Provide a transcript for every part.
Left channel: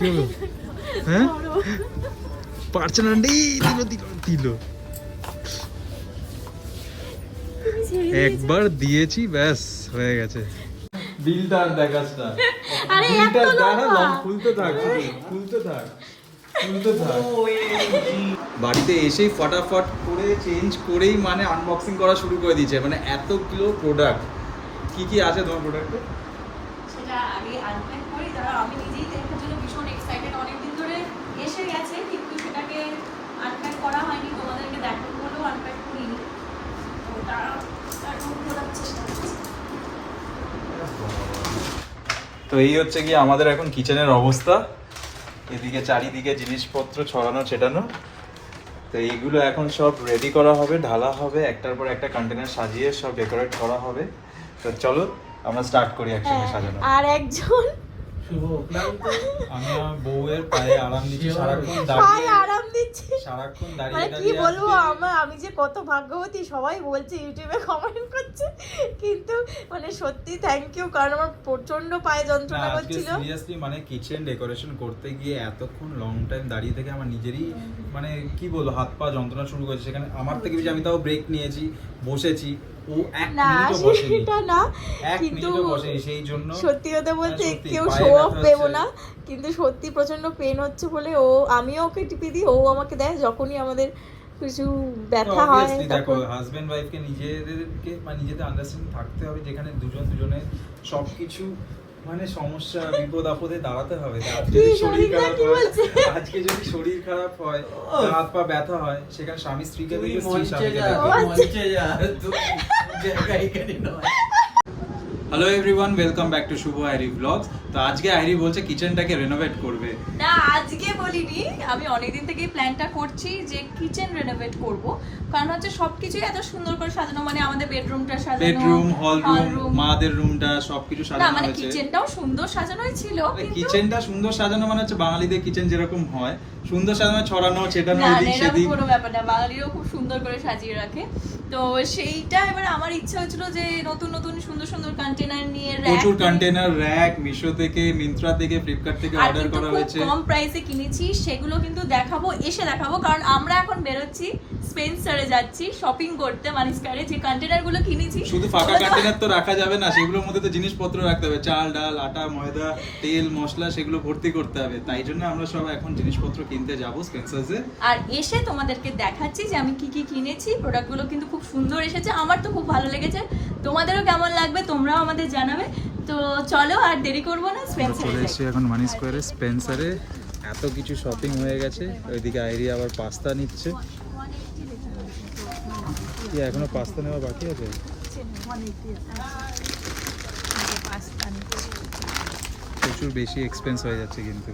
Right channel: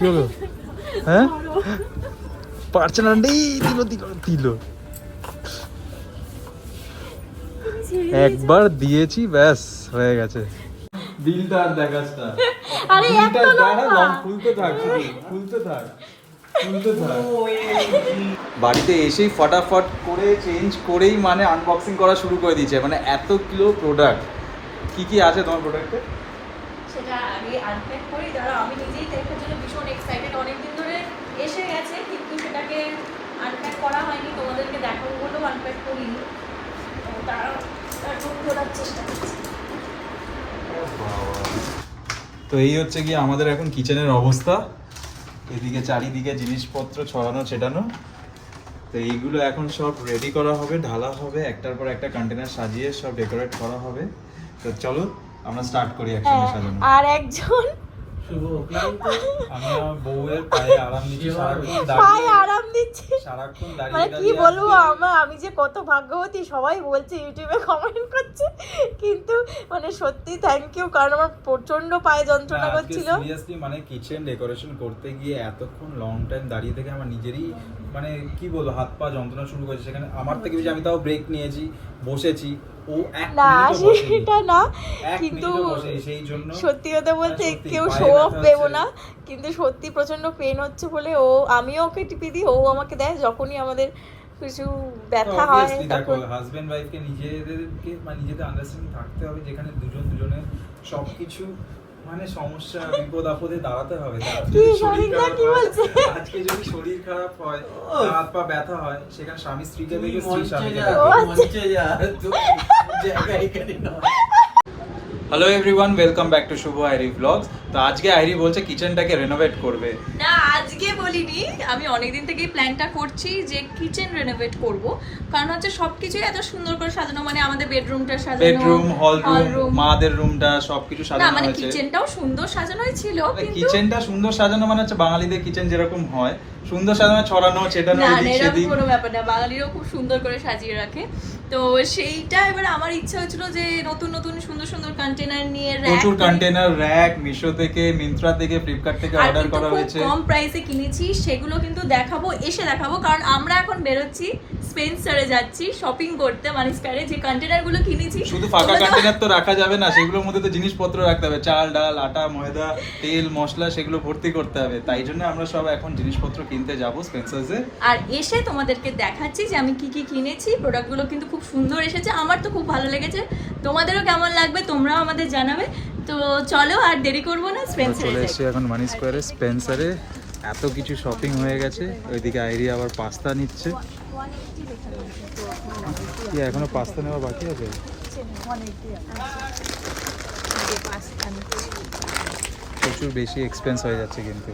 কি হলো? হ্যাঁ? পারছে না দিল দিল দিল। একবার দিয়েছি ব্যাস হয়ে গেছে। বিলটা আর দেখাস না। আরে এত লম্বা। লং খুলতে থাক খুলতে থাক বাড়িতে এসেই ফটাফট করে চেঞ্জ করেই মানে আনবক্সিং করা শুরু করে দিয়েছে। মানে এত কিলো প্রোডাক্ট কি কি আছে তোমার প্রোডাক্টে সেটা আমি আনপ্যাক করি দাঁড়া আমি ভীষণ এক্সাইটেড অনেকদিন ধরে এসে গেছে কিন্তু সেটাকে আনপ্যাক করা হয়নি। তোমাদেরকে দেখাবো বলেও আনপ্যাক করিনি। তো তারা এখন খোলার চেষ্টা করছি। তো এই হচ্ছে কি আমাদের এখন কিচেনের অবস্থা। এদিকে চারিদিকে জিনিসপত্র ছড়ানো ছেটানো। তো এইগুলো এখন সব রেডি করা হবে ঢালা হবে। একটার পর একটা কন্টেনার সাজিয়ে সব ডেকোরেট করা হবে। তো চলো আমরা স্টার্ট করি একসঙ্গে সাজানো। হ্যাঁ, আর একজন আমি আমার বউয়ের পায়ে আরাম দিচ্ছি সারাক্ষণ পায়ে আরাম দিচ্ছে। সারাক্ষণ মানে কি বলব আমার আমি যে কত ভাগ্যবতী সবাই বলছে ইউটিউবে কমেন্ট করছে কিন্তু মানে সত্যি থ্যাংক ইউ কারণ আমার প্রচণ্ড পায়ে যন্ত্রণা করছিল। সিরিয়াসলি মানে কিচেন ডেকোরেশন করতে গিয়ে এতক্ষণ লং টাইম দাঁড়িয়ে থেকে আমার নিজেরই মানে কি বলব হাত পা যন্ত্রণা শুরু করেছে। সেখানে আমার থেকে বেশি আমি তাও ব্রেক নিয়েছি বসেছি ও এক না সেটা না কিন্তু সত্যি কথা বলতে কেউ শো অফ দেবো না কিন্তু সত্যি প্রচণ্ড পেন হচ্ছে বলে ও আমিও ওকে টিপি দিই ও আমাকে দেয় যখনই আমাদের কিছু ব্যথা হয় দেখো হাজবেন্ড ওয়াইফকে নিজেদেরকে বা নিজেদের আন্ডারস্ট্যান্ডিং থাকতে হবে যেখানে দুজন দুজনের সবকিছু মানে সমস্যা বিপদ আপদে দাঁড়াতে হবে। আজকে যদি শরীর খারাপ হয়- বলছে? আজকে যদি শরীর খারাপ হয় হাত পা ব্যথা হয় সেখানে স্বামী স্ত্রীকে দেখে স্ত্রী স্বামীকে। Hello everyone welcome back to Shubho Airi blogs তো আজকে আইরি বলছে কিচেনটাকে রেনোভেট করবে। বলিনি আমি অনেকদিন থেকেই প্ল্যানটা করছি যে কিচেন রেনোভেট করব। কারণ হচ্ছে সবকিছু এত সুন্দর করে সাজানো মানে আমাদের বেডরুমটা সাজানো বেডরুম হল রুম মাদের রুমটা সবকিছু সাজানো মানে হয়েছে। কিচেনটাও সুন্দর সাজানোই ছিল কিন্তু কিচেনটা সুন্দর সাজানো মানে হচ্ছে বাঙালিদের কিচেন যেরকম হয়। সুন্দর সাজানো ছড়ানো ছেটানো এদিক সেদিক। কোনো ব্যাপার না বাঙালিরাও খুব সুন্দর করে সাজিয়ে রাখে। তো সেইটা এবার আমার ইচ্ছা হয়েছিল যে নতুন নতুন সুন্দর সুন্দর কন্টেনার নিয়ে প্রচুর কন্টেনার র্যাক মিশো থেকে মিন্ত্রা থেকে ফ্লিপকার্ট থেকে অর্ডার করা হয়েছে। কম প্রাইসে কিনেছি সেগুলো কিন্তু দেখাবো এসে দেখাবো। কারণ আমরা এখন বেরোচ্ছি স্পেন্সারে যাচ্ছি শপিং করতে মানে স্প্যারে যে কন্টেনারগুলো কিনেছি শুধু ফাঁকা কন্টেনার তো রাখা যাবে না সেগুলোর মধ্যে তো জিনিসপত্র রাখতে হবে। চাল ডাল আটা ময়দা তেল মশলা সেগুলো ভর্তি করতে হবে। তাই জন্য আমরা সব এখন জিনিসপত্র কিনতে যাব স্পেন্সার্সে আর এসে তোমাদেরকে দেখাচ্ছি যে আমি কি কি কিনেছি। প্রোডাক্টগুলো কিন্তু খুব সুন্দর এসেছে আমার তো খুব ভালো লেগেছে। তোমাদেরও কেমন লাগবে তোমরাও আমাদের জানাবে। তো চলো আর দেরি করব না স্পেন্সারে চলে। এসেছি এখন মানি স্কোয়ারে স্পেন্সারে এত কিছু শপিং হয়ে গেছে ওইদিকে আইরি আবার পাস্তা নিচ্ছে 180 লেখা রয়েছে, তো কি এখনও পাস্তা নেওয়া বাকি আছে 180 আছে। এই যে পাস্তা নিতে। প্রচুর বেশি এক্সপেন্স হয়ে যাচ্ছে কিন্তু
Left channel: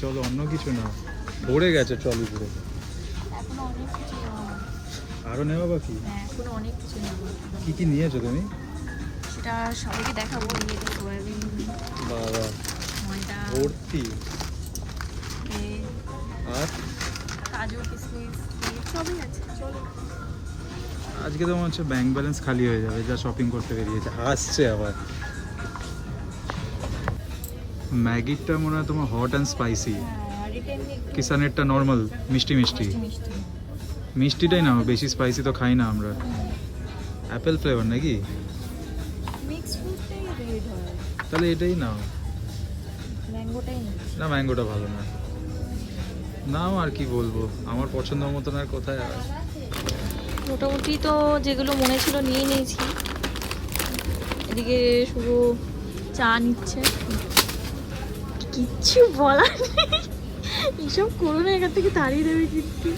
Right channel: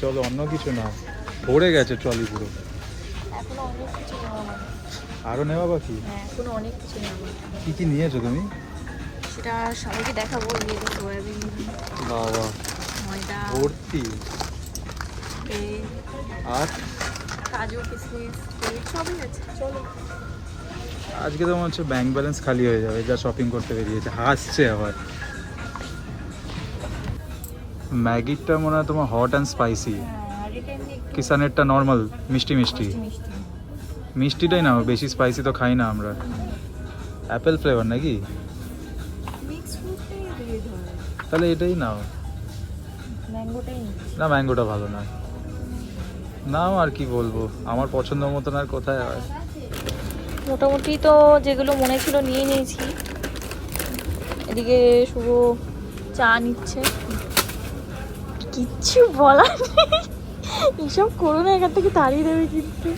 চলো অন্য কিছু না ভরে গেছে ট্রলি পুরো এখনও নেওয়া বাকি। আরও নেওয়া বাকি অনেক কিছু কি কি নিয়েছো তুমি সেটা সবাইকে দেখাবো বাবা ভর্তি। আর? কাজু কিশমিশ সবই আছে চলো। আজকে তো মনে হচ্ছে ব্যাংক ব্যালেন্স খালি হয়ে যাবে যা শপিং করতে বেরিয়েছে। আসছে আবার। ম্যাগিটা মনে হয় তোমার হট অ্যান্ড স্পাইসি কিষানেরটা নর্মাল মিষ্টি মিষ্টি। মিষ্টি মিষ্টি। মিষ্টিটাই না বেশি স্পাইসি তো খাই না আমরা। অ্যাপেল ফ্লেভার নাকি? তাহলে এটাই নাও। ম্যাঙ্গোটাই না ম্যাঙ্গোটা ভালো না। নাও আর কি বলব আমার পছন্দ মতন আর কোথায় হয় মোটামুটি তো যেগুলো মনে ছিল নিয়ে নিয়েছি। এদিকে শুধু চা নিচ্ছে। কিচ্ছু বলার নেই। এইসব করো না এখান থেকে তাড়িয়ে দেবে কিন্তু।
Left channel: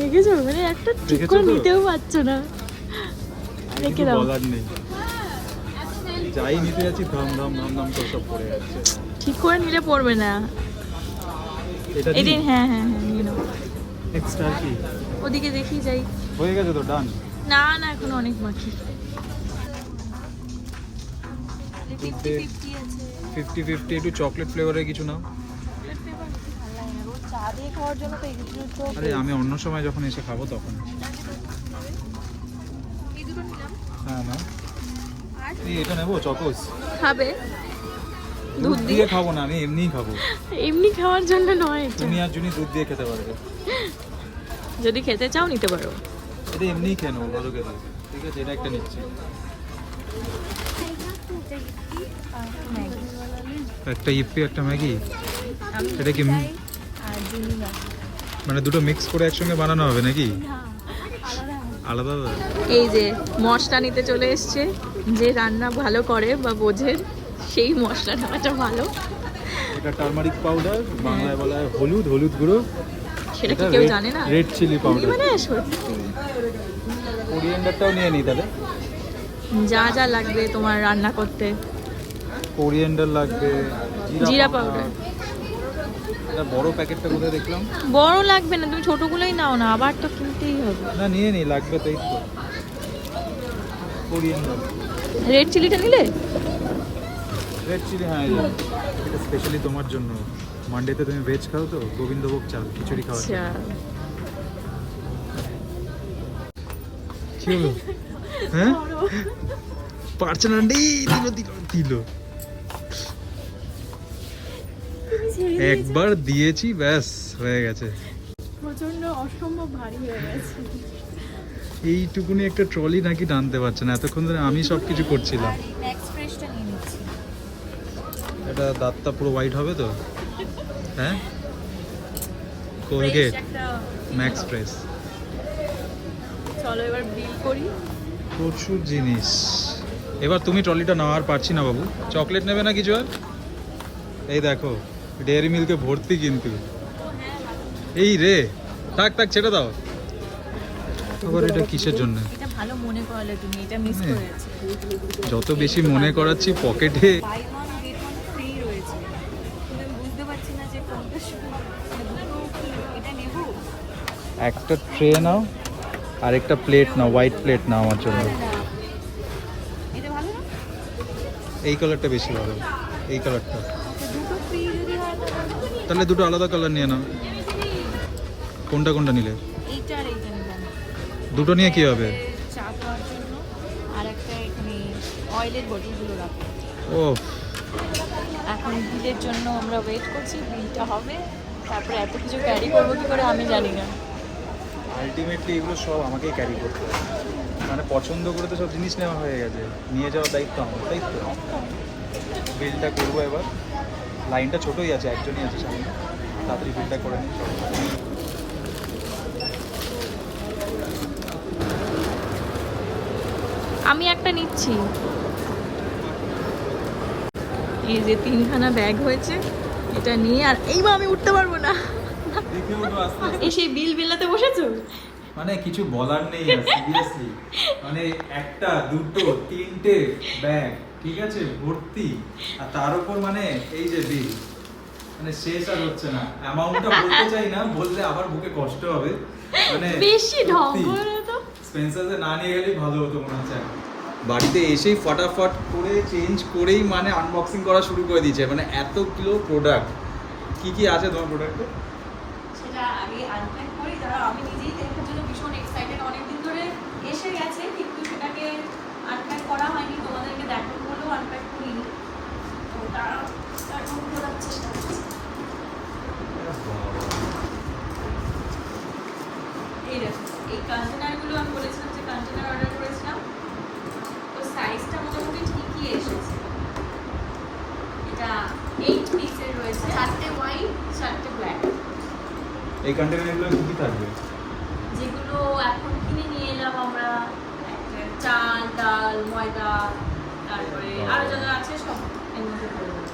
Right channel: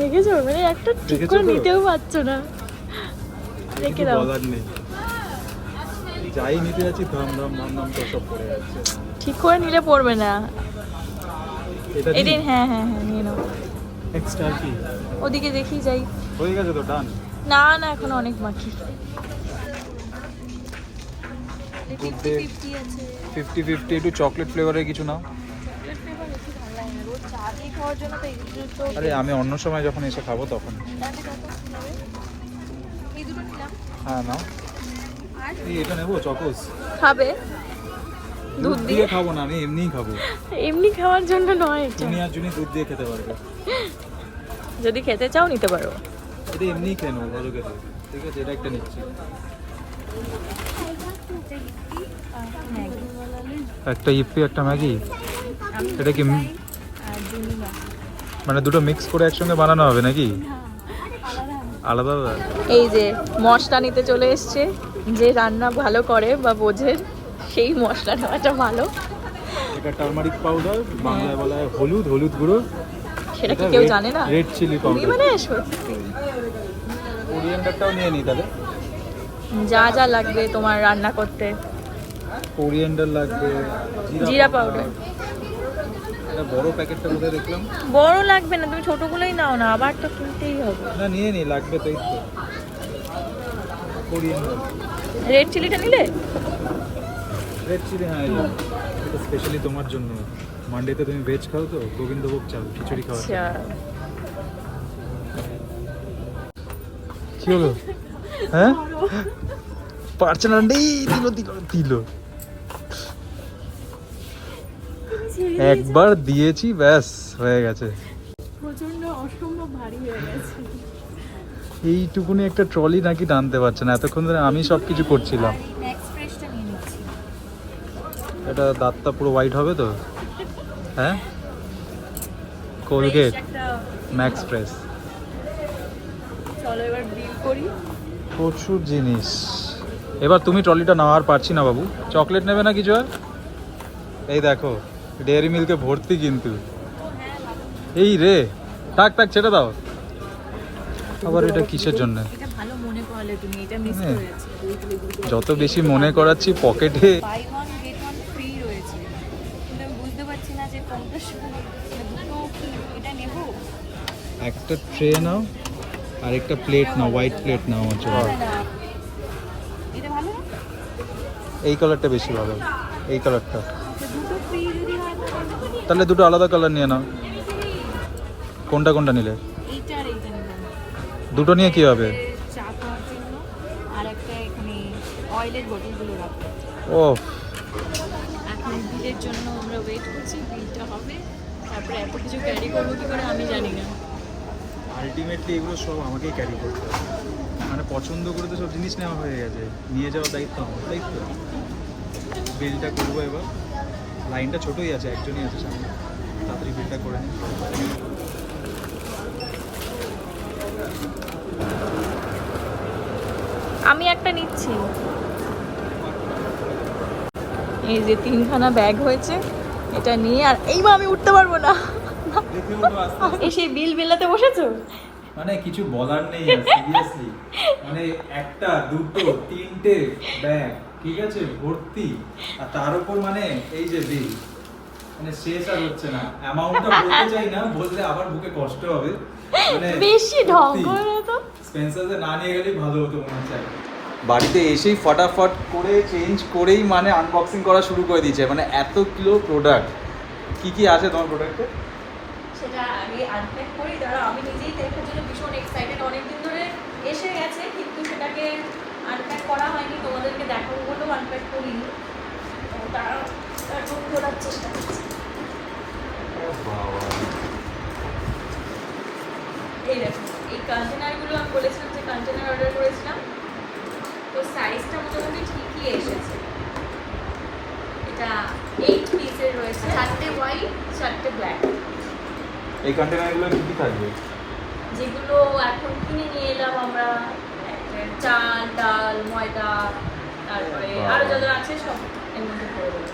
রেখেছো মানে একটা ঠিক করে নিতেও পারছ না। রেখে দাও। বলার নেই। যাই নিতে যাচ্ছি ধাম ধাম ধাম ধাম তো সব পড়ে যাচ্ছে। ঠিক করে নিলে পড়বে না। এদিন হ্যাঁ হ্যাঁ হ্যাঁ নিয়ে নাও। এক্সট্রা কি? ওদিকে দেখি যাই। হয়ে গেছে তো ডান না না এখন অনেক বাকি। গুড ডে ফিফটি ফিফটি একটু চকলেট ফ্লেভারের কিছু নাও। আরে আমি অন্য সময় যখন এসে খাব তখন। এই দুটো নিলাম। হ্যাঁ না এই এটা নেব চকোস খাবে? দুধ দিয়ে খাব না আমি এমনিই খাব। এমনি খাওয়ার জন্য নয় তুমি আর জুনি দুধ দিয়ে খেতে পারবে। যদি খেতে চাও নিতে পারো। এটা এমনিই নেব ভালো খেতে। ঠিক আছে এটা একটা নিচ্ছি। একটা ইপি একটা ম্যাগি। এটা কি মানে দুটো মিক্স করে একসঙ্গে বানানো হবে নাকি? আলাদা আলাদা? এই যে মশলা নিতে চলে এসছে। যে রান্না ভালো করে বা বোঝে সেই মশলা নেওয়াটা ভালো। এটা টার্মারিক পাউডার বাংলায় বলা হয় হলুদ হলুদ গুঁড়ো। সেটা কি কেউ জানে না? রেড চিলি পাউডার মানে সত্যি কোরিয়েন্ডারটাও নিয়ে নিই তাহলে। যা যা লাগবে তোমার রান্না করতে। কোরিয়েন্ডার লাগবে জিরা পাউডার এটা বড় প্যাকেটটা কোথায় দেখলাম। বড় লাগবে না তুমি ছোটগুলোই নাও না আবার তো কিনতেই হবে। না নিয়ে নি লাগবে তো। এই তো কোরিয়েন্ডার রেড চিলিটা নিলে? রেড চিলি হ্যাঁ এটা স্পেশালি তোমার জন্য। মানডেতে তুমি ভেজ খাও তো? গোবিন্দভোগ চাল খিচুড়ি খাওয়া আচ্ছা। কি হলো? হ্যাঁ? পারছে না রে দিল দিল দিল। একবার দিয়েছি ব্যাস হয়ে গেছে। প্রচণ্ড অসম্ভব ভারী হয়ে গেছে। এইটুকুনি একটা ট্রলি নাকি টানতে পারছে না। এতক্ষণ ধরে আমি সব কিছু করছিলাম। এটা দাঁতটা পুরো হোয়াইট হবে তো? হ্যাঁ? কোলগেট ম্যাক্স ফ্রেশ চলো এবার বিল করি। প্রচুর জিনিস। এবার তুমি ট্রলিটা নাও আর পারছি না বাবু। চকলেট নেবে না কিছু আর? এই দেখো ডেয়ারি মিল্কে ভর্তি কিন্তু। এই রে থাক থাক ছেড়ে দাও। আবার এটা কিসের জন্য? হ্যাঁ। যত বেশি মনে করাচ্ছি পকেটে একটা ট্রে নাও আর একটা প্লেট নাও হোয়াইট প্লেট নাও আমার জন্য। এই কালারটা বেশি ভালো এই কালারটা আচ্ছা তাহলে? দুটো আলাদা কালার নিয়ে নাও। কোনটা কোনটা নিলে? আর দুটো নিয়ে কি হবে? ও এখন বিলের জন্য আমরা ওয়েট করছি বিলটা হবে। তারপরে এত কিছু ক্যারি করব কি করে আমি জানি না। আলটিমেটলি এগুলো সব আমাকেই ক্যারি করতে হবে। মানে পছন্দ করে তো সব জিনিস নেওয়া হয়ে গেছে। নিয়ে যাওয়ার দায়িত্ব আমার, তাই তো? বিলটা করব এবার। লাইনটা ছোটোই আছে, একজনই আছে সামনে। তাড়াতাড়ি বিলটা করে নিই আমি একটা নিচ্ছি। এই যে তিনখানা ব্যাগ হয়েছে, এটা নিয়ে আর এইবার আমি উঠতে পারব না। সেই বিল বেলাতে বসেছো? মানে কিছু বলার নেই সিরিয়াসলি মানে একটা দুটো তিনটে ব্যাগ ঠিক আছে? ভর্তি। আর তার উপর মানে এই যে বিল মানে শেষ আর হচ্ছে না। অ্যামাউন্টটা বলতে চাই না বললে আবার বুকে কষ্ট হবে। মানে বেশি ঢং করে তো? স্পেন্সার্সে না নিয়ে গেলেই ভালো হতো মনে হচ্ছে। বাড়িতে এসেই ফটাফট করে চেঞ্জ করেই মানে আনবক্সিং করা শুরু করে দিয়েছে। মানে এত কিলো প্রোডাক্ট কি কি আছে তোমার প্রোডাক্টে সেটা আমি আনপ্যাক করি। ধরো, আমি নিজেই দেখার জন্য ভীষণ এক্সাইটেড অনেকদিন ধরে এসে গেছে, কিন্তু সেটাকে আনপ্যাক করা হয়নি। তোমাদেরকে দেখাবো বলেও আনপ্যাক করিনি। তো তারা এখন প্রোডাক্ট চেষ্টা করছি। এই দেখো, এই কন্টেনারগুলো আমি বলেছিলাম যে কন্টেনার অর্ডার করেছিলাম। তো সাইজটা মোটামুটি ঠিকই এসেছে। এটা এইট পিসের রয়েছে। চারটে হোয়াইট চারটে ব্ল্যাক এই কন্টেনারগুলো কি কি থাকবে? যেগুলো এখন কিনে নিয়ে এলাম আমরা চাল ডাল ময়দা তারপরে আরও যা যা আছে সব এর মধ্যে পড়ে দেবো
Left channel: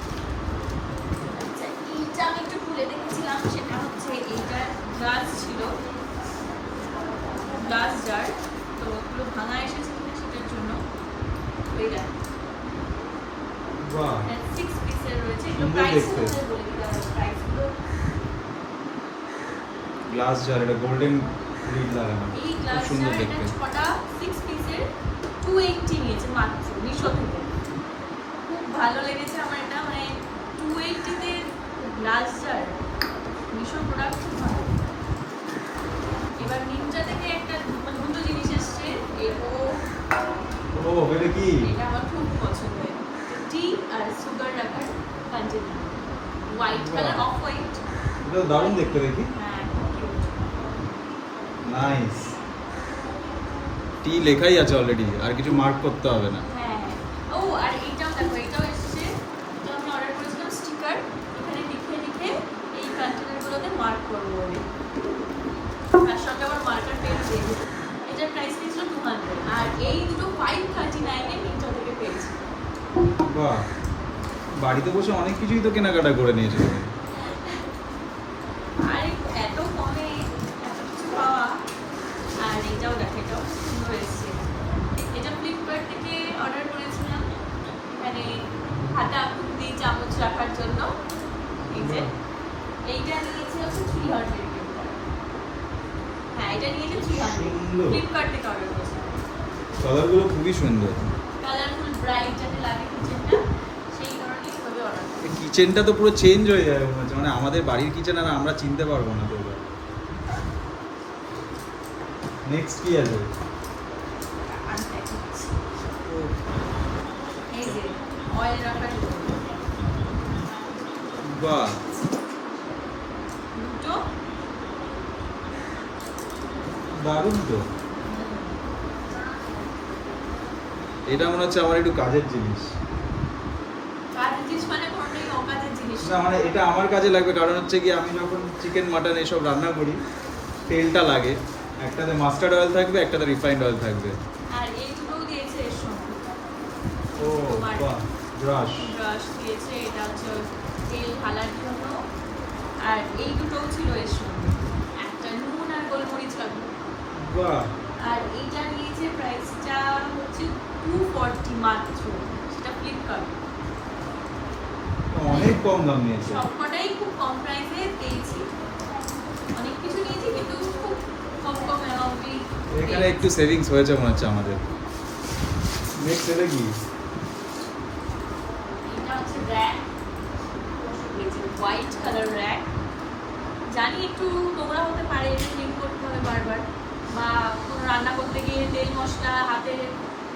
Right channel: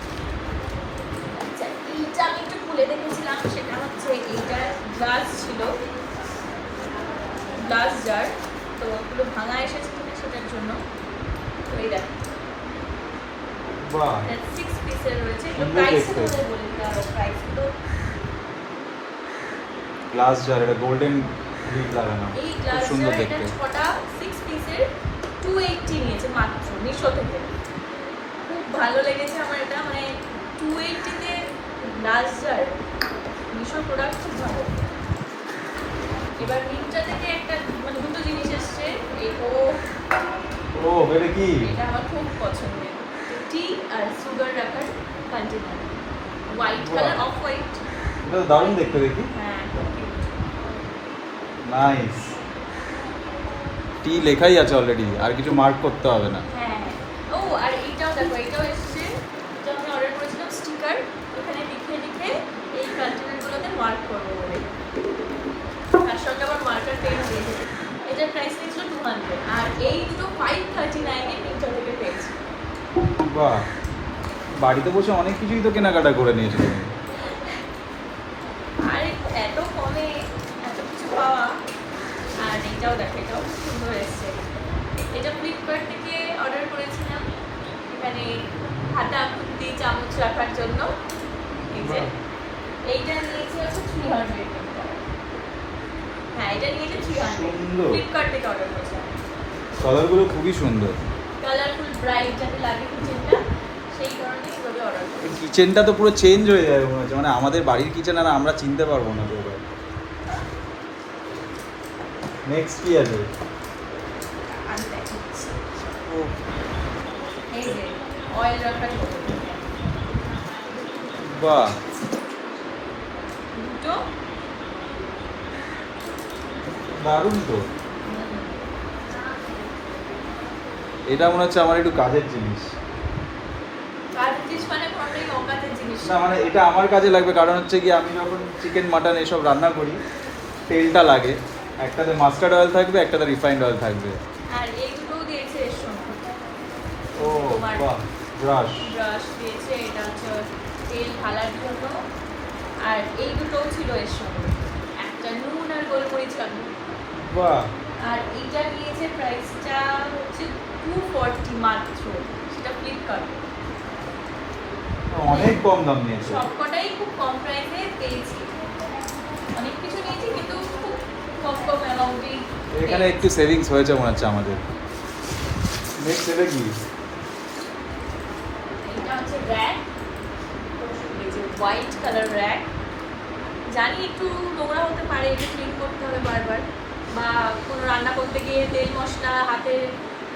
আচ্ছা এইটা আমি একটু খুলে দেখেছিলাম সেটা হচ্ছে এইটা গ্লাস ছিল গ্লাস জার তো পুরো ভাঙা এসেছে সেটার জন্য। তো এই দেখো। বাহ। সিক্স পিসের রয়েছে সুন্দর প্রাইস দেখতে। প্রাইস প্রাইসগুলো গ্লাস জার এটা গোল্ডেন গ্রিল লাগানো। এই খুব গ্লাস সুন্দর জার এটা দেখতে। ছটা সিক্স পিসের টু এইটটি নিয়েছে মাত্র মিশো থেকে। খুব ভালো লেগেছে আমার এটা মানে টু এইটটিতে গ্লাস জার মিশো প্রোডাক্ট খুব ভালো। এবার মিন্ট্রা থেকে একটা মানে দুটো জিনিস এসছে এই ও ও এটা কি? এটা আমার খুব পছন্দের। টি আর সুগার রাখার container white colour off white এটা তো দারুণ দেখতে দেখি। নাইস টি লেখাই আছে অলরেডি আর কিছু মার্ক করতে হবে না। হ্যাঁ। ও আর এটাও দেখো এটাও এসেছে। এটা আমি অর্ডার করেছিলাম স্টিকার এখানে লিখে লিখে এই কন্টেনারগুলোতে মার্ক করব বলে। তার সঙ্গে আবার মার্কার পেনও দিয়েছে এটার প্রাইস নিয়েছিল টু হান্ড্রেড আর এই দুটো ফাইভ থার্টি নাইনে তিনটা থেকে পেয়েছি। বাহ। বাড়িতে বসে অনেক কিছুই তো কেনাকাটা করে নিয়েছো তুমি আর এত কমে এত কিছু পাওয়া আর এটাও দেখো এটাও খুব সুন্দর এসছে এটা ফ্লিপকার্ট থেকে অর্ডার করেছিলাম এখানে হাতা খুন্তি চামচ রাখার জন্য। এই যে এইটা নিয়েছে হচ্ছে থ্রি হান্ড্রেড হ্যাঁ এটা নিয়েছে থ্রি হান্ড্রেড ফ্লিপকার্ট থেকে অর্ডার করেছিলাম কালারগুলো খুবই সুন্দর। কালারফুল ব্রাইট যাতে লাগে কিচেনটা সেই কারণে অর্ডার করি কিচেনটা তো পুরো চেঞ্জ হয়ে যাবে মনে হচ্ছে। মানে আমাদের বাড়ির কিচেন আর আমরা চিনতে পারব না তো নেক্সট কি আছে? অয়েল রাখার বাহ দুটো দারুণ তো এটা মনে হচ্ছে আমার একটু কাজের জিনিস? না মানে এটা আমার কাজে লাগবে কারণ হচ্ছে কি আমি যখন চিকেন মাটন এসব রান্না করি তেলটা লাগে। একটাতে মাস্টার্ড অয়েল থাকবে একটাতে রিফাইন্ড অয়েল থাকবে। আর এই দুটোও দিয়েছে এর সঙ্গে। ও বাহ ব্রাশ ব্রাশ দিয়েছে এটা হচ্ছে তেল ঢালার জন্য আর এই দুটোও ছিল এর সঙ্গে। একটা নুন আর গোলমরিচ লাগবে বাহ। আর এইটা নিয়েছে প্রাইসটা হচ্ছে টু ফর্টি মাত্র সেটা ফ্লিপকার্টে অনেক কম দাম নিয়েছে। সবকটাই খুব কম প্রাইসে পেয়েছি। অনেক কিছু নিয়েছি কিন্তু খুব কম কম অ্যামাউন্টেই এখানে একটু সেভিংস হয়েছে মনে হচ্ছে আমাদের। নেক্সট এটা কি? এটা হচ্ছে র্যাক হোয়াইট কালার র্যাক জানি একটু নোংরা হতে পারে এটা ক্লিন করতে হবে বারবার। বা কোনো রান্না করতে গিয়ে তেল মশলা হাতে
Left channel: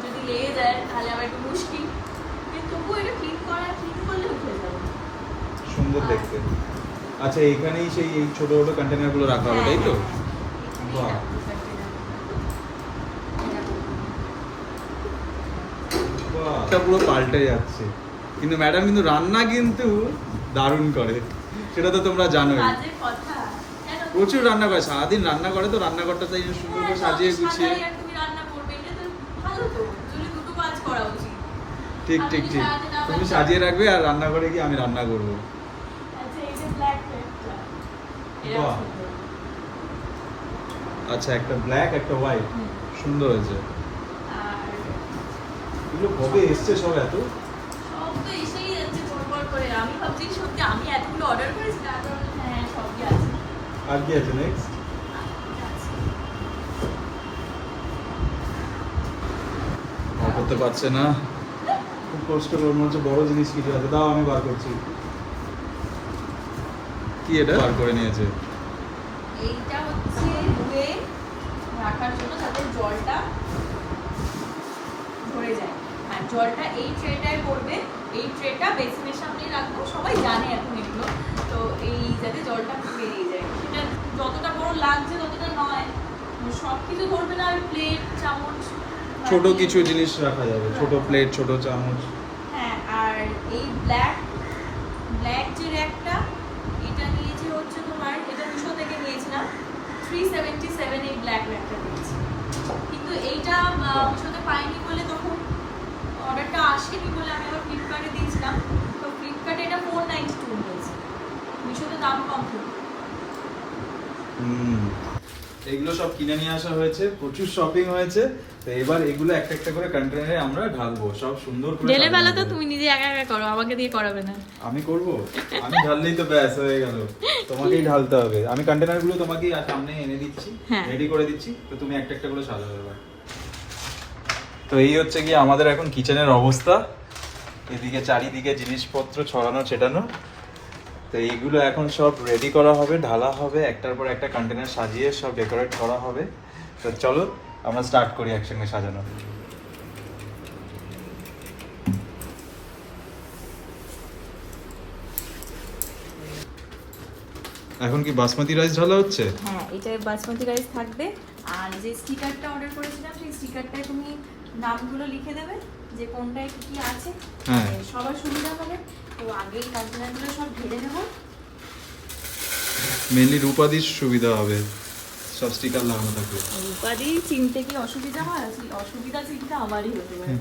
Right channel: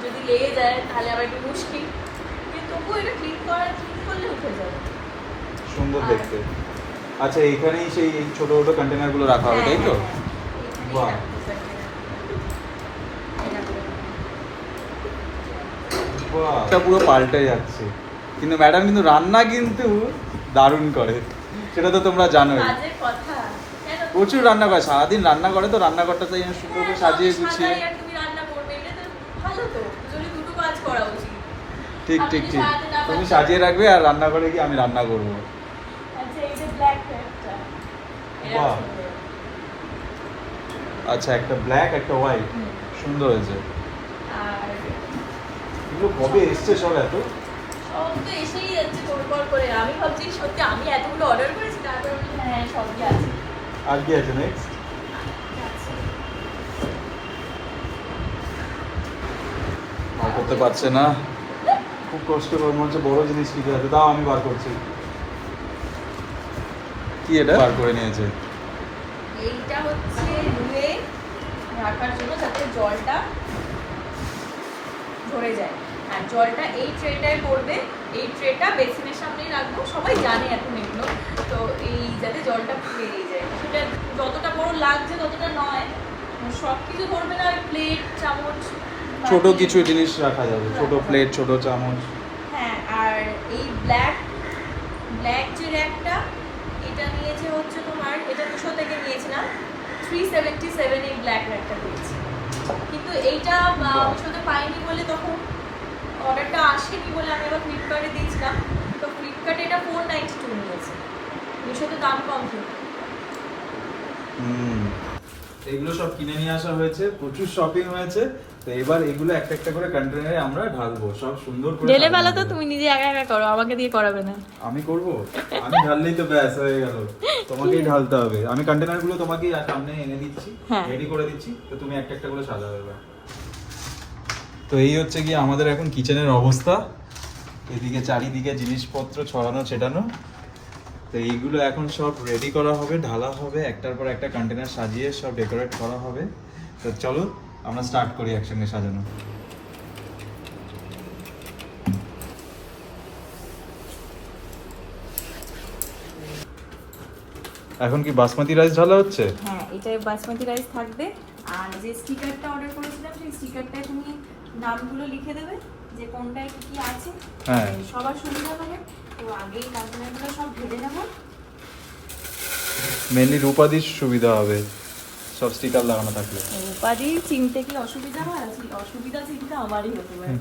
যদি লেগে যায় তাহলে আবার একটু মুশকিল। কিন্তু তবুও এটা ক্লিন করা ক্লিন করলে উঠে যাবে। সুন্দর দেখতে। আচ্ছা এখানেই সেই ছোট ছোট কন্টেনারগুলো রাখা হবে তাই তো? বাহ। বাহ, পুরো পাল্টে যাচ্ছে। কিন্তু ম্যাডাম কিন্তু রান্না কিন্তু দারুণ করে। সেটা তো তোমরা জানোই? প্রচুর রান্না করে সারাদিন রান্না করে তো রান্নাঘরটা তাই সুন্দর করে সাজিয়ে হ্যাঁ, গুছিয়ে। তো তো। ঠিক ঠিক ঠিক। তুমি সাজিয়ে রাখবে আর রান্না করে গিয়ে আমি রান্না করব। আচ্ছা। আচ্ছা একটা ব্ল্যাক একটা হোয়াইট সুন্দর হয়েছে। এগুলো কবে এসছে সব এত? ও তো এসেই যাচ্ছে পরপর করে। আমি ভাবছি সত্যি আমি এতগুলো অর্ডার করেছি তারপর হ্যাঁ সবই আছে আর কি আছে নেক্সট করতে পারছে না। খুব কষ্ট মনে হচ্ছে বড় জিনিস লিখে আছে দাও আমি বার করছি। কি এটা? বার করে নিয়েছে। এইটা হচ্ছে ধুয়ে রাখার জন্য যাতে জলটা ধরে যায়। হ্যাঁ জলটা এই ট্রেটায় পড়বে এই ট্রেটা বেসিনের সামনেই রাখব সবাই জানে এখন এগুলো। তো এই যাতে জলটা বেরিয়ে যায়। সেটা যতটা বড় লাগছে ততটা নয়। সব কিছু ধরবে না ওই প্লেট চামচ ছোট কিছু জিনিস রাখা যাবে। ছোট প্লেট ছোট চামচ। হ্যাঁ আর এই ব্ল্যাক ব্ল্যাক যে র্যাকটা এটা নিয়েছে হচ্ছে তোমার এটা দুশো থেকে নিয়েছিলাম। থ্রি সেভেন্টি সেভেন এই ব্ল্যাক র্যাকটা পেয়েছি। কিন্তু এইটা অপশনে পাইনি বলে তখন অর্ডারটা আসেনি বলে আমি আবার ফ্লিপকার্টে দিয়েছিলাম। তো ফ্লিপকার্টে এটা ফোর নাইনটি টু নিয়েছে মিশোতে দাম কম ছিল এগুলো সব কিনে নিয়ে আসা হয়েছে প্রচুর শপিং হয়েছে। তো এবার এগুলো একটা একটা করে কন্টেনারে আমরা ঢালবো সব সুন্দর করে ঢেলে ফেলো তো তুমি নিজে একা একা করো আমাকে দিয়ে করাবে না। আমি করব? আমি ঢাললেই তো ব্যাস হয়ে গেল। তোমাকেই ঢালতে হবে। আমি কন্টেনারগুলো তোমাকেই সামনে এনে দিচ্ছি হ্যাঁ। রেডি করে দিচ্ছি তো তুমি একটা একটা করে সাজাবে। তো এই হচ্ছে কি আমাদের এখন কিচেনের অবস্থা। এদিকে চারিদিকে জিনিসপত্র ছড়ানো, ছেটানো। তো এইগুলো এখন সব রেডি করা হবে, ঢালা হবে, একটার পর একটা কন্টেনার সাজিয়ে সব ডেকোরেট করা হবে। তো চলো, আমরা স্টার্ট করি একসঙ্গে সাজানো। এখন কি বাসমতি রাইস ঢালা হচ্ছে? হ্যাঁ এটায় বাসমতি রাইস থাকবে। আর যে স্টিকারটা অর্ডার করেছিলাম, সেই স্টিকারটায় তুমি নামগুলো লিখে দেবে যে কোনটায় কি কি আছে। হ্যাঁ। সবার সুবিধা হবে। তো আগে এই কন্টেনারগুলো সব ঢেলে নেব। মেনলি রূপাদির সুবিধা হবে। সব স্টিকার লাগানো থাকবে উপাধি চিনতে কি অসুবিধা হয় অসুবিধা চিনতে আমারই হতে পারে।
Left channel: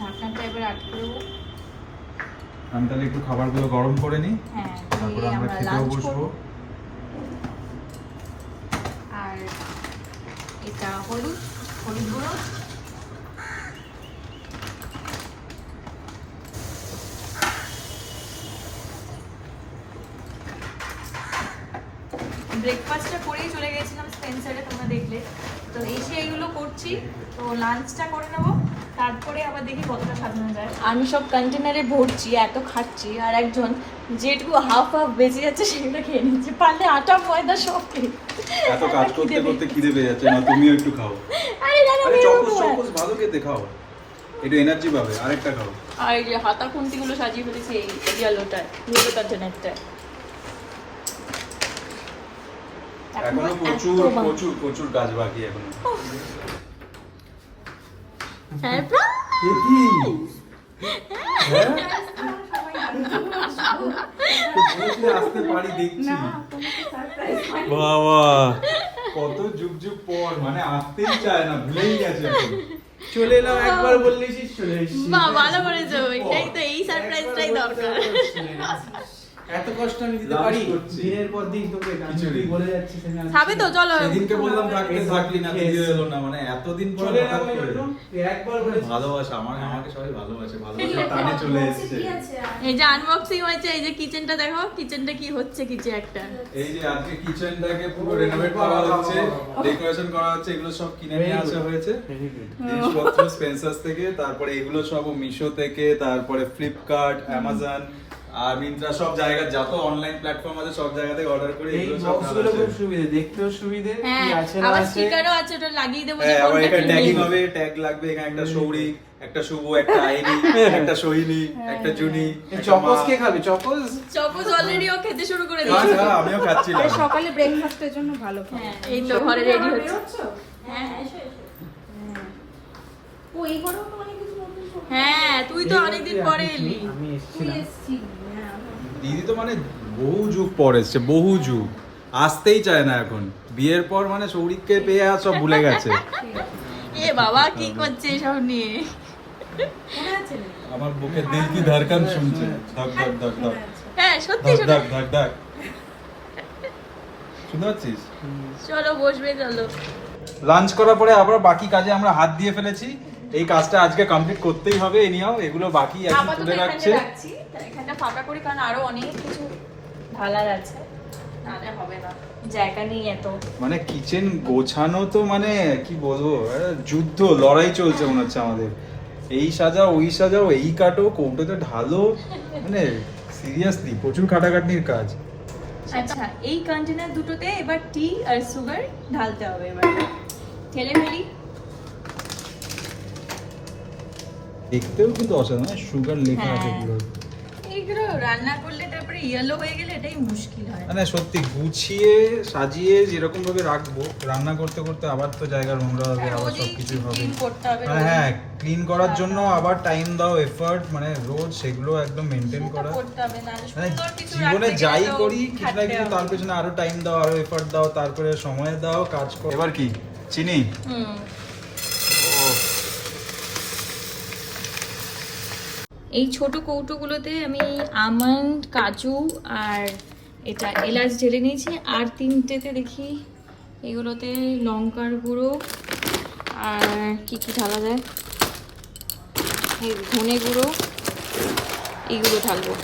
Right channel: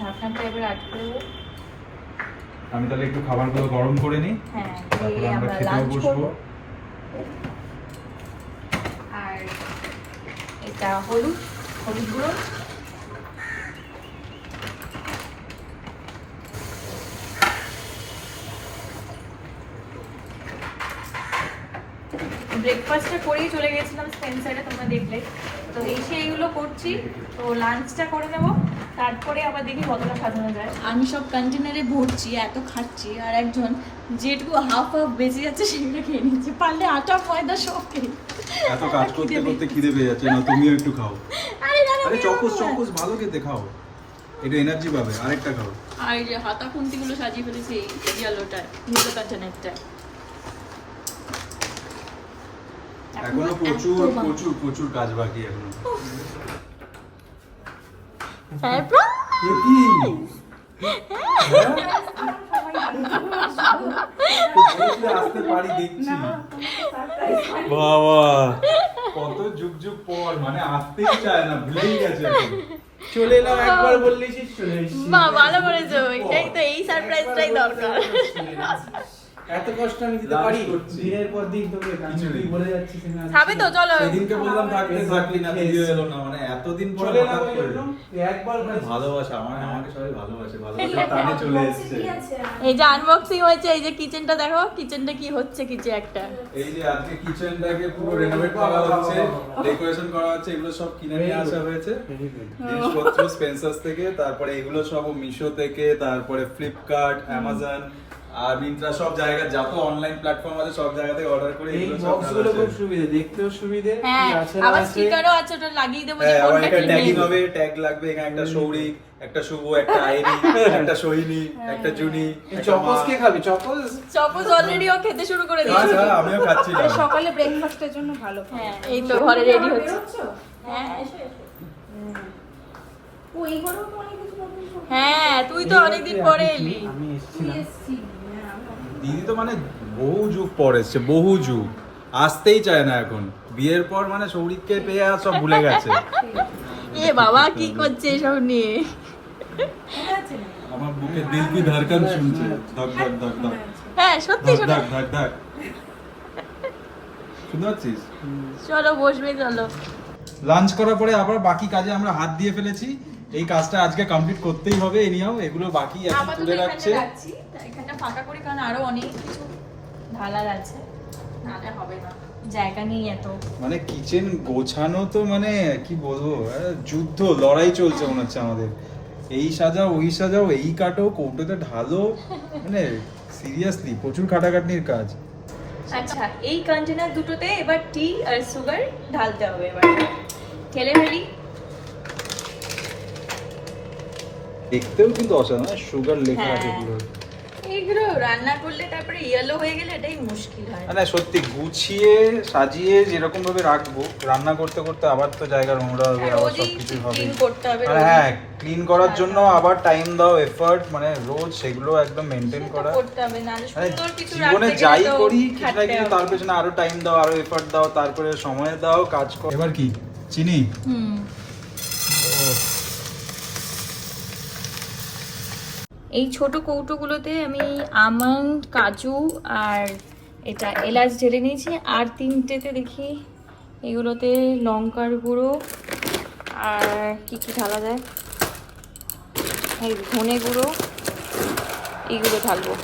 ঢাকনাটা এবার আটকে দেবো। আমি তাহলে একটু খাবারগুলো গরম করে নিই। হ্যাঁ তারপরে আমরা লাঞ্চ বসবো। করব আর এটা হলুদ হলুদ গুঁড়ো। ব্রেকফাস্টটা করেই চলে গেছিলাম স্পেন্সারে তোমরা দেখলে। তো এসে এগুলো করছি। তো লাঞ্চটা করে নেব। তারপরে আবার দেখি কতটা সাজানো যায়। আমি সব কন্টেনারে ভরছি এত খাচ্ছি আর একজন যেটুকু হাফ হাফ বেঁচে যাচ্ছে সেগুলো খেয়ে নিচ্ছি। পারলে আটা ময়দা সব খেয়ে। এত কাজ করতে করতে খিদে পেয়ে যাচ্ছে না তুমিও একটু খাও। আরে দাদা আরে চকোস আর। চকোস ভালো খেতে খাও। একটু এনার্জি পাবে আরেকটা খাও। আর এই যে হাতা খুন্তিগুলো সাজিয়ে ফেলেছি এই ইয়েলোটায় কন্টেনারটায় এখনও প্রচুর প্রচুর প্রচুর কাজ বাকি এখনও। বাবা। কত যুগ যুগ পর মানে আসতেই চায় না ভুলেই গেছে চলে এলাম একবার বললেই চলে এসেছি। ভালো করেছ এটাই তো এই সারপ্রাইজটাই দরকার। এত কষ্ট আমি দিতে পারি? দিনের পর দিন তোকে তুই বলে যাচ্ছিস খাবে তো চলো। সেদিনকে বললাম থাকলে থাকলি না ভিডিও এলো না মানে এতদিন পর চলে হঠাৎ করে। একবার ভালোবাসা আমার আমাকে সবাই ভালোবাসে ভালোবাসার টানে চলে এসেছে। এই যে আনবক্সিং হয়েছে এই যে কিচেনটা দেখো কিচেনটা কি হচ্ছে কিছু একটা। এই যে আজকে কিচেনটাকে পুরো রেনোভেট করা হচ্ছে ডেকোরেশন করা হচ্ছে এগুলো সব কিনে নিয়ে আসা হয়েছে। জিনিসপত্র স্পেন্সার্স থেকে তারপরে এগুলো সব মিশো থেকে তারপরে ফ্লিপকার্ট অ্যামাজন আর মিন্ত্রা সব জায়গা যত অনলাইন প্ল্যাটফর্ম আছে সব জায়গা থেকে অর্ডার করে এই এগুলো বক্সগুলো খুব। সুবিধে দেখতেও সুবিধে হ্যাঁ কি আছে আবার স্টিকারও আছে ওটা লাগিয়ে দেবো হ্যাঁ আবার কোনটা এটা ট্যাগিং হবে ট্যাগ লাগবে এখানে একটা সৌরিক একটা শুভ একটা আইরি একটা সোহিনী একটা জুনি একটা চকোস কে খাবে চকোস অলরেডি ও খেতে শুরু করে হ্যাঁ, দিয়েছে। হ্যাঁ, আমিও খাচ্ছিলাম। সকালে ব্রেকফাস্টের জন্য ভালো। হ্যাঁ এই তো ঘরে রেডি হচ্ছে। হ্যাঁ। এসো এসো। ও এই ঘরেও তো অনেক কিছু নতুন নতুন হ্যাঁ তুই তো অনেকদিন পরে এলি। আমি এসেছিলাম। হ্যাঁ, দিদি তো মানে বহু যুগ পর এসছে বহু যুগ। আসতেই চায় না এখন। বিয়ের পর মানে সৌরিককে পেয়ে আর সব ভুলে গেছে। এ বাবা কি করছে এসব নিয়ে? আমার বুকে দিল কি ধড়কন শুনছে? ধক ধক ধক ধক। হ্যাঁ সত্যি ধক সত্যি ধক ধক। ধক শুনতে পাচ্ছিস চলো বসবে চলো। লাঞ্চ করার পরে আবার বাকি কাজে আমরা হাত দিয়ে ফেলেছি। এই কাজটা আজকে কমপ্লিট করতেই হবে এনিও এগুলো বাকি আছে আপাতত তুলে এখানে রাখছি। এখানটা ফাঁকা করি কারণ আরও অনেক কিছু ঢালার আছে। নাহলে হবে না। জায়গা নেই এত। মানে কিচেন গোছানো তো মানে কি বলব যুদ্ধ লড়াই চলছে মনে হচ্ছে আমাদের। এই সাজাও ওই সাজাও এই কাটো ঢালো। মানে সিরিয়াসলি প্রচুর খাটাখাটনির কাজ। আচ্ছা এই কন্টেনার দুটোতে এবার টি আর সুগার ঢালতে হবে এবার। ঠেলে ফেলি। দেখতেও কিন্তু অসাধারণ সুগার লেখা আছে হ্যাঁ। পুরো এইগুলো রান্না করলে তারপরে ইয়েলো হয়ে গেলে এটাই মুশকিল হয়। মানে সত্যি গুছিয়ে সাজিয়ে যেরকম ভাবে রাখব রান্না করতে করতে আবার তো জায়গা নোংরা হবে আবার রোজই সবকিছু হবে। মানে হ্যাঁ ক্লিন করার জন্য আবার টাইম দাও এফর্ট মানে রোজ সেগুলো একদম মেনটেন করা। করতে হবে নাহলে মানে জীবনে যাই করি কিছু না কিছু তার পেছনে আরও টাইম দাও আরও এফর্ট দাও তারপরে সময় দাও কাজ করো। এবার কি? চিনি? হুম। এই ছোট কৌটোগুলোতে আমি আমন্ড, কাজু আর এটা এলাচ ঢেলে নিয়েছি। আর তিনটেতে দেখি এগুলোতে লঙ্কার গুঁড়ো আর কি কি ঢালা যায়? ধনে গুঁড়ো, এইগুলো ঢালবো।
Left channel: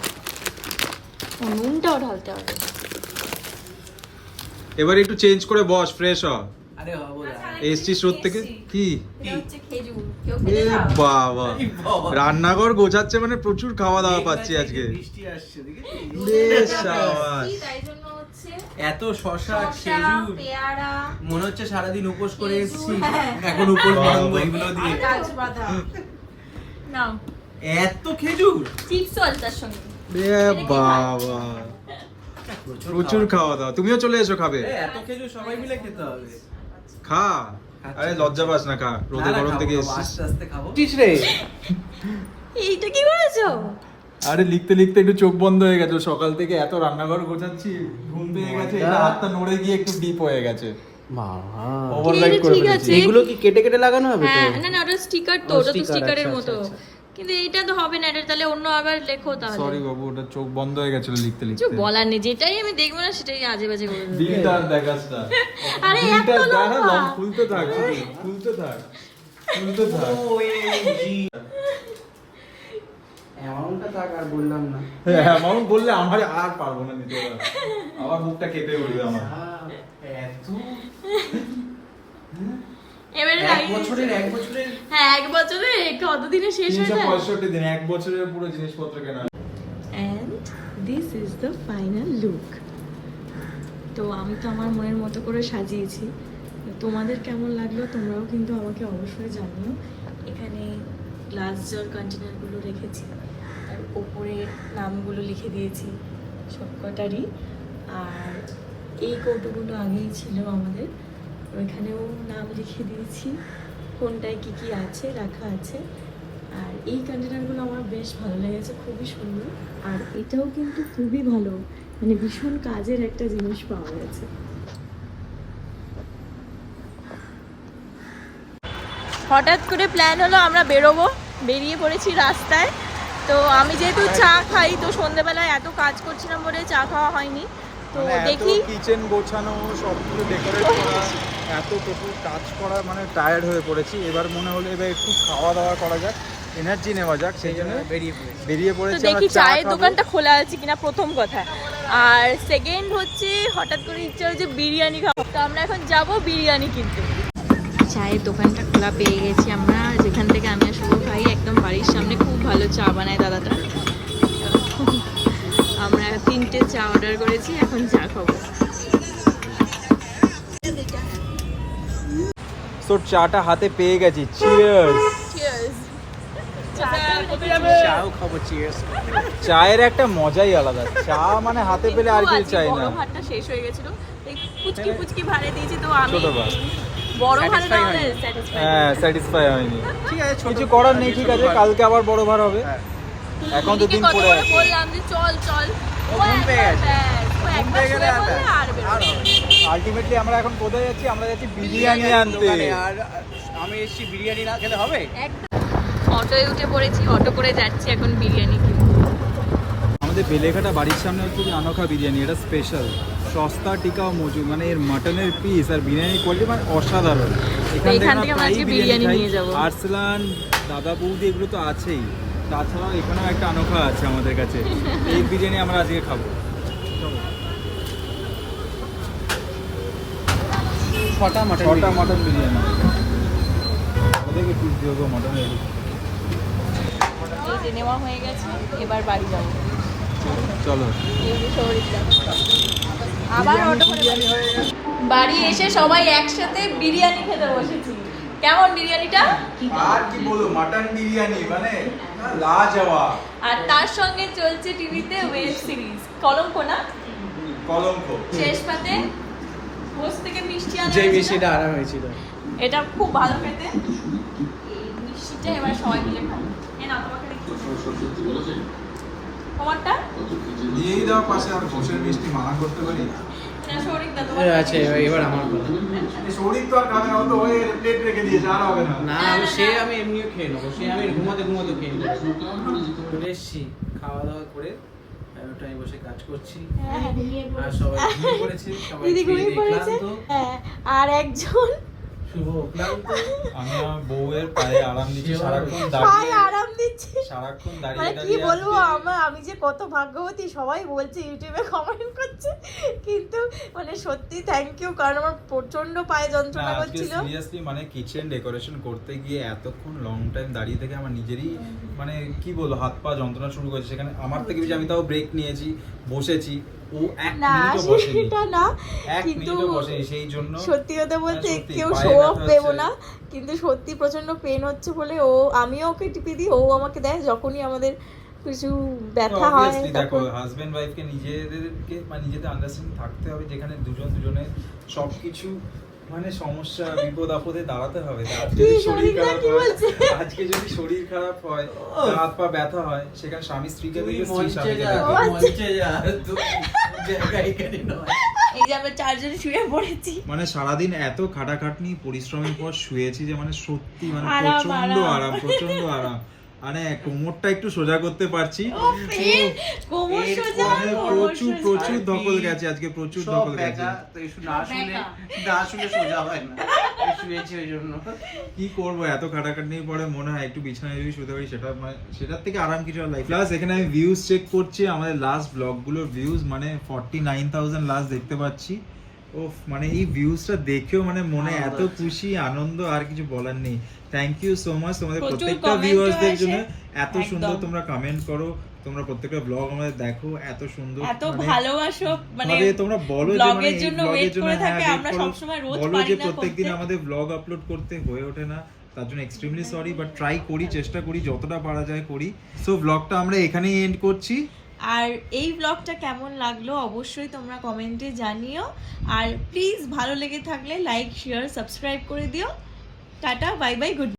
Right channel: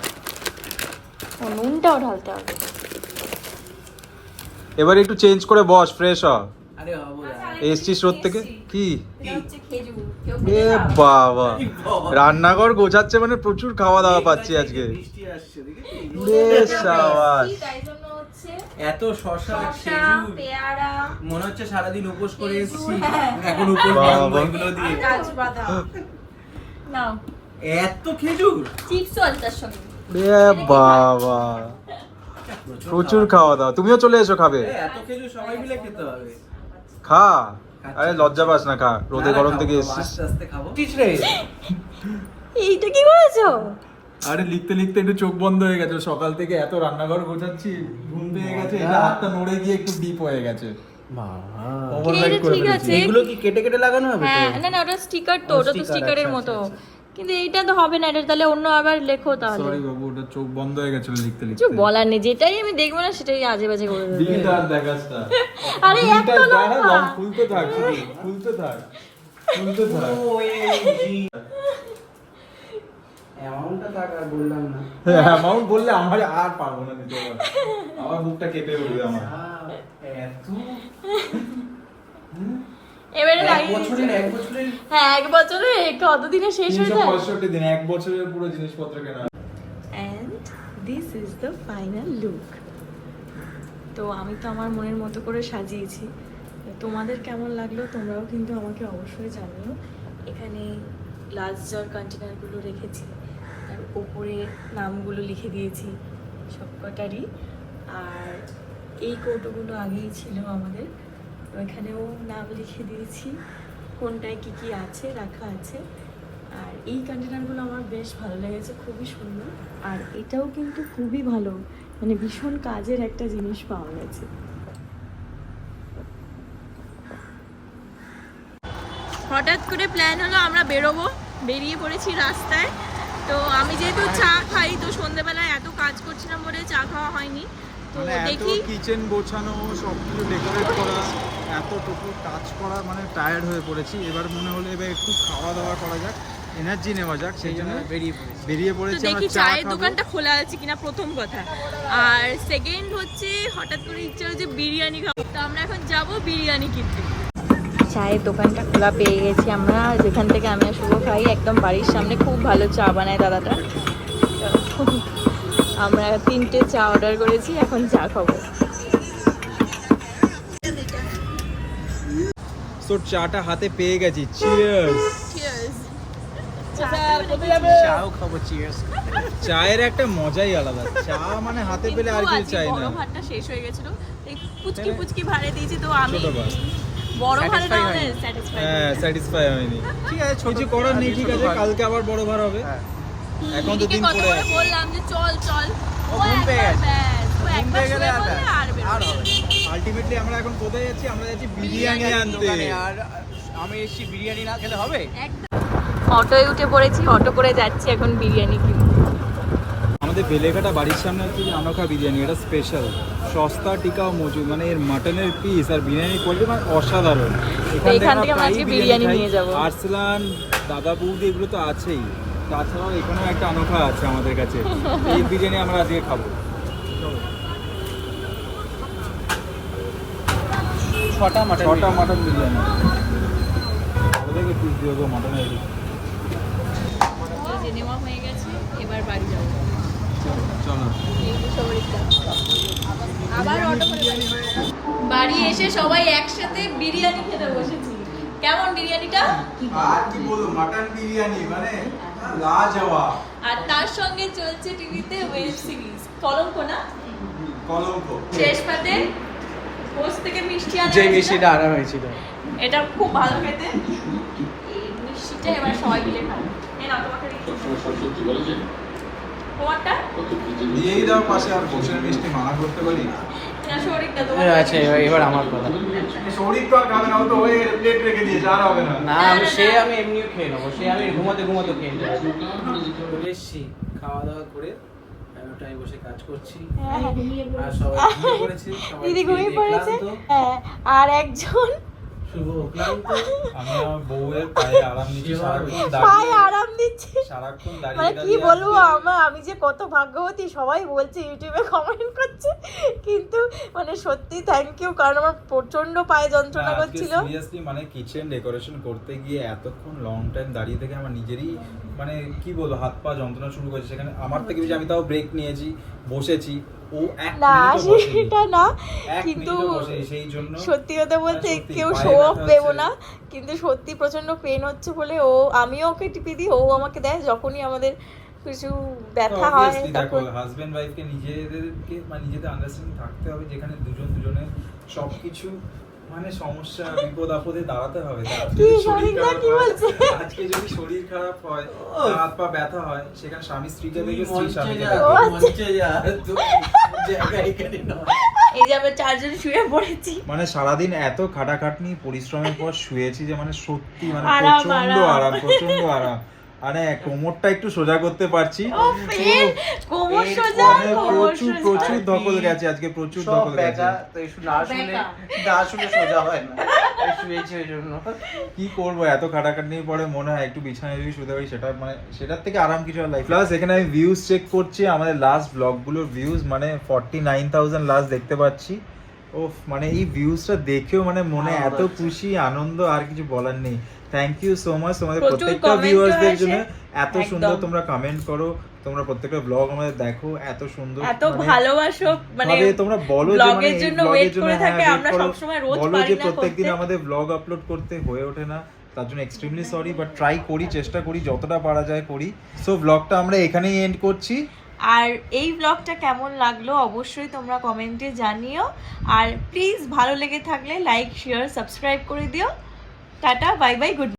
ও, নুনটাও ঢালতে হবে। এবার একটু চেঞ্জ করে বস ফ্রেশ হ। আরে হব এসছি স্রোত থেকে? কি? এ বাবা। রান্নাঘর গোছাচ্ছে মানে প্রচুর খাওয়া দাওয়া পাচ্ছি আজকে। এত শশা মনে হচ্ছে সারাদিন উপোস করে এসেছি। হ্যাঁ। এখন উপোস এগুলো দিয়ে। এত খেজুর? বাবা। প্রচুর খাওয়া দাওয়া তুমিও চলে এসো খাবে। এত খেজুর সবাই মিলে খেতে হবে। খা। আরে লজ্জা পাস না খা। রোদে গরম থেকে এসেছিস। আস্তে আস্তে খাব। রে? এইটা কি করেছ? আরে লিখতে লিখতে একটু চোখ বন্ধ হয়ে গেছে। সকাল থেকে এত রান্নাঘর গোছাচ্ছি ঘুম পেয়ে গেছে এটা হাতটা নড়ে গিয়ে একটু ডিপ হয়ে গেছে। ওভারলাইট করে এগুলো কি কেটে কেটে লাগানো হবে হ্যাঁ না না ওটা স্টিকার তো ওটা তো স্টিকারের আচ্ছা, মতো। আচ্ছা, কিন্তু এইটা তো হবে না এটা তাহলে অন্য আবার লেখো তাহলে। সরি বাবু ওটা চোখ বন্ধ হয়ে গেছিল লিখতে কিছু লিখতে বলার নেই যেটাই আমি দেখব না সেটাই আজে বাজে করে দেবো। দিলটা আর দেখাস না। আরে এত লম্বা। লম খুলতে থাক শুধু, খুলতে থাক খুলতে থাক। এমনটা থাক আর বললাম না। অ্যামাউন্ট বললে আমার আর পারব না নিতে আমার মুখটা কেঁপে উঠবে আমার। এত। এবারে এক বছরের এক বছরের হ্যাঁ এক বছরে কতদিনে শেষ হয়ে যায়? পঁয়ষট্টি দিন এক বছরের পুরো জিনিসপত্র কেনা and this is the final look তো আমি তো আমার মনের মতো করে সাজিয়েছি। তোমাদের কেমন লাগল তোমরাও কিন্তু আমাকে অবশ্যই জানিও। এখানে গ্লাস জল কন্টেনারগুলো রেখেছি আর ওপরে নামগুলো লিখে দিয়েছি সবকটারই। আর এই কৌটোগুলো আগেই ছিল আমাদের। তো এখানেও নাম লিখে দিয়েছি। কোনটায় কি কি আছে রাখা আছে। আর এই কন্টেনারগুলো আমার বেশ ভালো লেগেছে খুবই সুন্দর। আর এটাও কিন্তু খুবই ভালো। মানে ভীষণ কাজের একটা জিনিস পাওয়া গেছে। হঠাৎ করে প্ল্যান হলো আমরা বেরোবো। বেরিয়ে পড়েছি রাস্তায়। তো আমি যেহেতু চা খাই তো সন্ধেবেলায় এত কাজ করছিলাম বলে চা খাওয়া হয়নি। তো মানে দেখি কিচেন গোছানো সব কিছু ডেকোরেট করা। এত টোটাল কাজ করা মানে টায়ার্ড হয়ে পড়েছি। এবার মনে হলো এবার একটু খাওয়া দাওয়া করা যাক এনার্জি নেওয়া যাক সেই জন্য বেরিয়ে পড়েছি। বেরিয়ে পড়েছি দেখি চায়ের দোকানটা খোলা আছে কিনা প্রথম কথা। আর সেকেন্ড হচ্ছে হঠাৎ করে ইচ্ছা হয়েছে বিরিয়ানি খাব। তো আমরা এখন যাব বিরিয়ানি কিনতে। চায়ের দোকানটা খোলা পেয়ে গেছি আমরা যেখান থেকে আমি শুভ খাই একদম বাড়ির সামনে খুব ভালো চা বানায় দাদাটা। আমরা তিনটে চা অর্ডার করেছি এখন চা খাব। তো চাটা হাতে পেয়ে গেছি। চিয়ার্স চাও খাব চিয়ার্স চায়ের একটা মজাই আলাদা। চা মানে হাতে পেলে আর কিছু চাই বড় না। ভাতটা শেষ হয়ে গেছিল। পুচকি পুচকি ভাড়ে দিয়েছি তো আমি। ছোট ভাত। বড় ভাড়ে না হলে স্যাটিসফাই হ্যাঁ স্যাটিসফাই হয়নি। ঠিক আছে ছোট কিছু করার নেই ঠিক আছে? কালকে আবার বড় ভার হবে। হ্যাঁ। এখন তো দিন পড়ে করে বললাম যে চল চল। ও ঘুম পেয়ে গেছে। ঘুম পেয়ে গেলে আর বেরোবে। আলটিমেটলি আমরা এখন কোথায় যাচ্ছি? আমরা যাচ্ছি বিরিয়ানি আনতে। দোকানে আর আমি এসেছি বিরিয়ানি না খেলে হবে? একদম। অটোয় উঠে পড়েছি অটো করে যাচ্ছি এখন বিরিয়ানি আমাদের বেলেঘাটা বাড়ির সামনে হচ্ছে যে আনোখা বিরিয়ানি এটা স্পেশাল সস্তা টিকা ও মজুদ মানে এর মাটনের পিস আর বিরিয়ানি কোয়ালিটি মানে অসাধারণ। এখান থেকে আমরা প্রায়ই বিরিয়ানি নিয়ে যাব। আরসলান দাদা বৌদি এগুলো তো আছেই। তাছাড়াও এখানেও একটা আনোখা আছে আমাদের কাছে। এই বিরিয়ানি আমরা আজকে খাব। ছটা মটন ছটা মটন বিরিয়ানি। ওদেরকে পিস দিয়ে দেবো মটনের এই নেওয়া হয়ে গেছে এবার বাড়ি যাব। চলো। আবার বিরিয়ানি অটো করে- বিরিয়ানি গেছে বাড়ি এসে সবাই একসাথে বিরিয়ানি খেতে বসেছি। কেমন বিরিয়ানিটা? আর কি বলব মাটন বিরিয়ানি মানে লাজবাব। আর তার সঙ্গে চলছে টিভিতে ওয়েব সিরিজ কলঙ্ক না? কলঙ্ক। শেষ পাতে পোস্ট থেকে মিষ্টি আনা যে মিষ্টিটা আনা হয়েছিল। এটা খুব ভালো খেতে। মিষ্টিটা এবার সবাই মিলে খাব এ না তোমাকে তোমারটা? দিয়েই দাও পাশে আর বসে মিষ্টি মানা করতে পারি? না শরীরটা তোমার আচ্ছা এবার- এবার আমার কথা। শরীর তো না ও তো ওই প্লেট রেখে আর হবে না। না আমি সে আমি এমনিও খেয়ে নেব সে আমি ঘুমাতে ঘুমাতে খেয়ে নেব। খাওয়া দাওয়া করে আমি আমি বসে কাজ করছি। আর সবাই ঘুমিয়ে পড়েছে সবাই ঘুমিয়ে পড়েছে? হ্যাঁ আর একজন শুভ ক্লান্ত আমি আমার বউয়ের পায়ে আরাম দিচ্ছি সারাক্ষণ দাঁড়িয়ে আরাম দিচ্ছে। সারাক্ষণ মানে কি বলব আমার আমি যে কত ভাগ্যবতী সবাই বলছে ইউটিউবে কমেন্ট করছে কিন্তু মানে সত্যি থ্যাংক ইউ কারণ আমার প্রচণ্ড পায়ে যন্ত্রণা করছিল। সিরিয়াসলি মানে কিচেন ডেকোরেশন করতে গিয়ে এতক্ষণ লং টাইম দাঁড়িয়ে থেকে আমার নিজেরই মানে কি বলব হাত পা যন্ত্রণা শুরু করেছে। সেখানে আমার থেকে বেশি আমি তাও ব্রেক নিয়েছি। বসেছি। ও এক মিনিটও সেটা না কিন্তু সেই জন্য সত্যি কথা বলতে হ্যাঁ, কেউ শো অফ দেবো না কিন্তু সত্যি প্রচণ্ড পেন হচ্ছে বলে ও আমিও ওকে টিপে দিই ও আমাকে দেয় যখনই আমাদের কিছু ব্যথা হয় দেখো তখন। হাজবেন্ড ওয়াইফকে নিজেদেরকে মানে নিজেদের আন্ডারস্ট্যান্ডিং থাকতে হবে যেখানে দুজন দুজনের সবকিছু মানে সমস্যা বিপদ আপদে দাঁড়াতে হবে আজকে যদি শরীর খারাপ হয়- বলছে? আজকে যদি শরীর খারাপ হয় হাত পা ব্যথা হয় সেখানে স্বামী স্ত্রীকে দেখবে স্ত্রী স্বামীকে আচ্ছা। এই যে আমরা চারজন শুয়ে পড়েছি মানে সারাদিন এত খাটাখাটনি পরিশ্রমের পর শুয়েছি যে মানে সত্যি মানে প্রচণ্ড। আরাম প্রচণ্ড আরাম মানে কোমরটা একটু সোজা করতে পারছি। কোমর সোজা? মানে প্রচুর প্রচুর ধকল গেছে আজকে প্রচুর ধকল গেছে। তো শুনে না শুনে না শুনে সোজা হয় না। কি করব এত খাটাখাটনির পরে মনে হয় একটু বিছানায় যদি শুতে পারি সেটা মানে সেটার থেকে আরাম কিছু আর লাইফ প্লাস এখানে আমি ভিউজ চেক করছি আমাদের লাস্ট ব্লগগুলোর ভিউজ মানে ফর্টি নাইন থাউজেন্ড লাস্ট দেখতে পাচ্ছি। ও মানে এই ভিউজটা দেখেও মানে মনে এত খুশি আনন্দ আর কিছু বলার নেই। থ্যাংক ইউ সো মাচ তোমাদের প্রত্যেকটা ভিউয়ার্সদের জন্য। এত সুন্দর তোমরা কমেন্ট করো। তোমরা প্রত্যেকটা ব্লগ আমাদের দেখো। এত সুন্দর এত মানে- ভালোবাসো মানে তোমরা বলো যে মানে এর জন্য জন্য করে হ্যাঁ, থাকে, আমরা করো। সবসময় রোজ বলো পারি যে প্রত্যেকদিন আমাদের ব্লগ আপলোড করতে হয়ে ওঠে না। তার জন্য এক্সট্রিমলি সরি বাট ট্রাই করি চেষ্টা করি যতটা পারা যায় করি। সো ব্লগটা আমরা এখানেই এন্ড করছি। আর এই ব্লগটা কেমন লাগল অবশ্যই তোমরা কমেন্টে জানিও। আর প্লিজ ভালো লেগে থাকলে লাইক শেয়ার সাবস্ক্রাইব করে দিও। Tata bye bye good